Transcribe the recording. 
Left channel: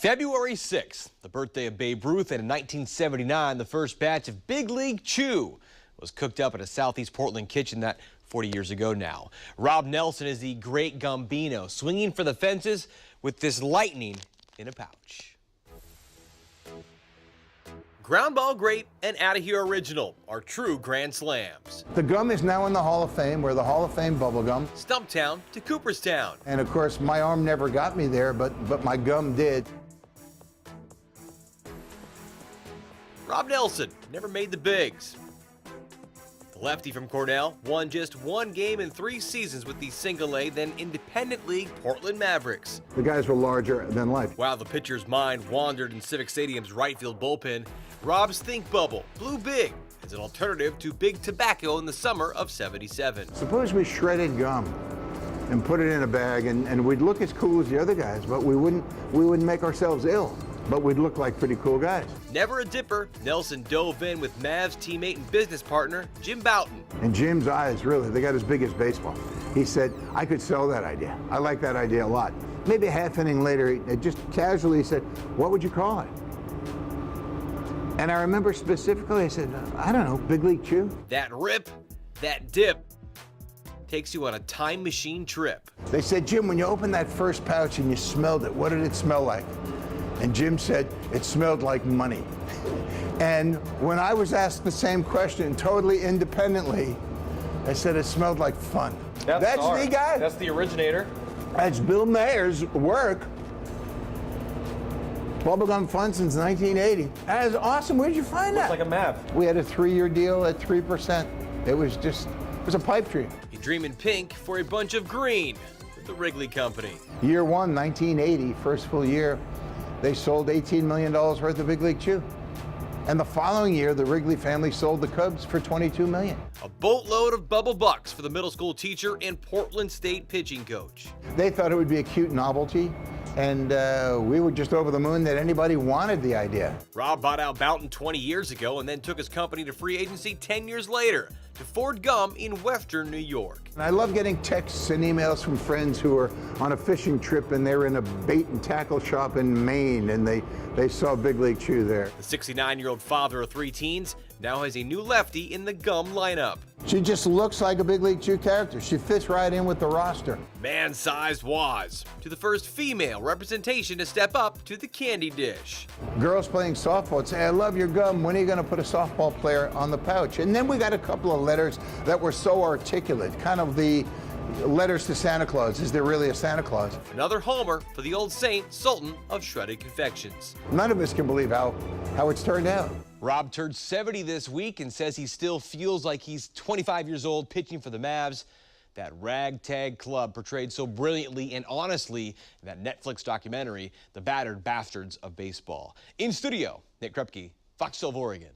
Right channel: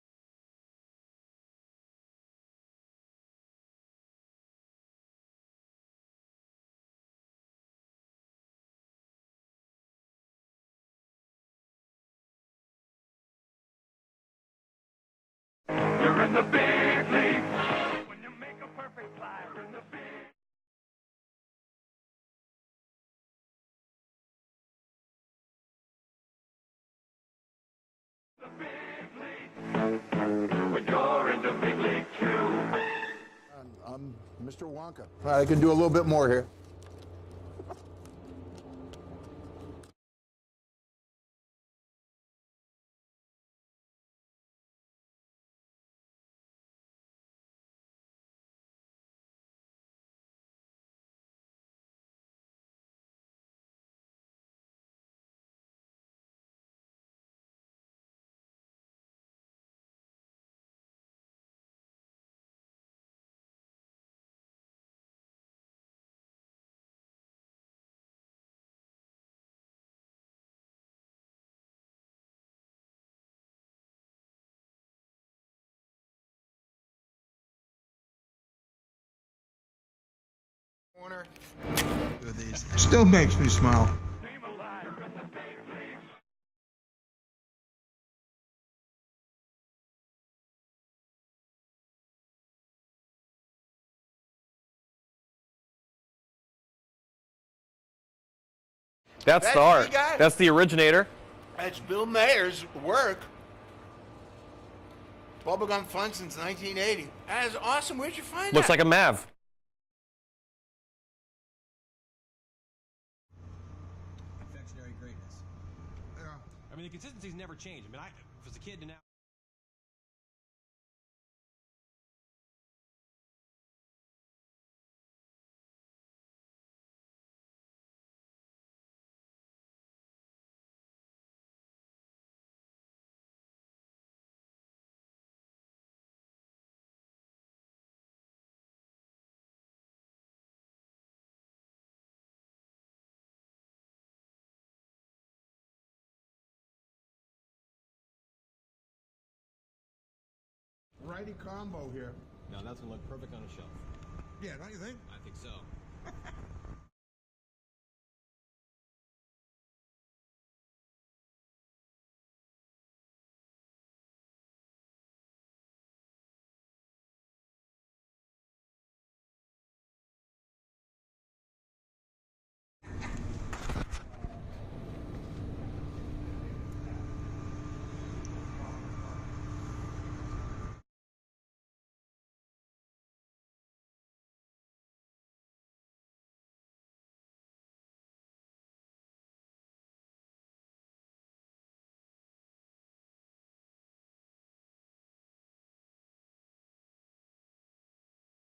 February 6th, the birthday of Babe Ruth, and in 1979, the first batch of Big League Chew was cooked up in a southeast Portland kitchen that 40 years ago now. Rob Nelson is the Great Gumbino, swinging for the fences with this lightning in a pouch. You're in the big league. Ground Ball Great and Outta Here Original are true grand slams. The gum is now in the Hall of Fame. We're the Hall of Fame bubble gum. Stumptown to Cooperstown. And of course, my arm never got me there, but my gum did. When you're in the big league too. Rob Nelson never made the bigs. I can do a little bit more here. The lefty from Cornell won just one game in 3 seasons with the single-A, then independent league Portland Mavericks. The guys were larger than life. While the pitcher's mind wandered in Civic Stadium's right field bullpen, Rob's Think Bubble blew big as an alternative to Big Tobacco in the summer of '77. Suppose we shredded gum and put it in a bag, and we'd look as cool as the other guys, but we wouldn't make ourselves ill. But we'd look like pretty cool guys. Never a dipper, Nelson dove in with Mavs teammate and business partner Jim Bouton. And Jim's eyes, really, they got as big as baseball. He said, I could sell that idea. I like that idea a lot. Maybe a half inning later, he just casually said, what would you call it? And I remember specifically, I said, I don't know, Big League Chew? That rip, that dip. Still makes me smile. Takes you on a time machine trip. They said, Jim, when you opened that first pouch and you smelled it, what did it smell like? And Jim said, it smelled like money. And when I was asked the same question, totally independently, I said it smelled like fun. That's the art. Me, guys. That's the originator. That's Bill Mayer's work. Bubblegum Fun since 1980. That is awesome. Where'd you find that? Looks like a Mav. We had a 3-year deal at 3%. It was a pipe dream. You dream in pink for a bunch of green with the Wrigley Company. Year one, 1980, first full year, they sold $18 million worth of Big League Chew. And the following year, the Wrigley family sold the Cubs for $22 million. A boatload of bubble bucks for the middle school teacher and Portland State pitching coach. They thought it would be a cute novelty, and we were just over the moon that anybody wanted the idea. Rob bought out Bouton 20 years ago and then took his company to free agency 10 years later to Ford Gum in Western New York. And I love getting texts and emails from friends who are on a fishing trip and they're in a bait and tackle shop in Maine and they saw Big League Chew there. The 69-year-old father of 3 teens now has a new lefty in the gum lineup. She just looks like a Big League Chew character. She fits right in with the roster. Man-sized Waz to the first female representation to step up to the candy dish. Girls playing softball would say, I love your gum. When are you going to put a softball player on the pouch? And then we got a couple of letters that were so articulate, kind of the letters to Santa Claus. Is there really a Santa Claus? Another homer for the old saint, Sultan of Shredded Confections. None of us can believe how it's turned out. Rob turned 70 this week and says he still feels like he's 25 years old pitching for the Mavs. That ragtag club portrayed so brilliantly and honestly in that Netflix documentary, The Battered Bastards of Baseball. In studio, Nick Krupke, Fox 12 Oregon.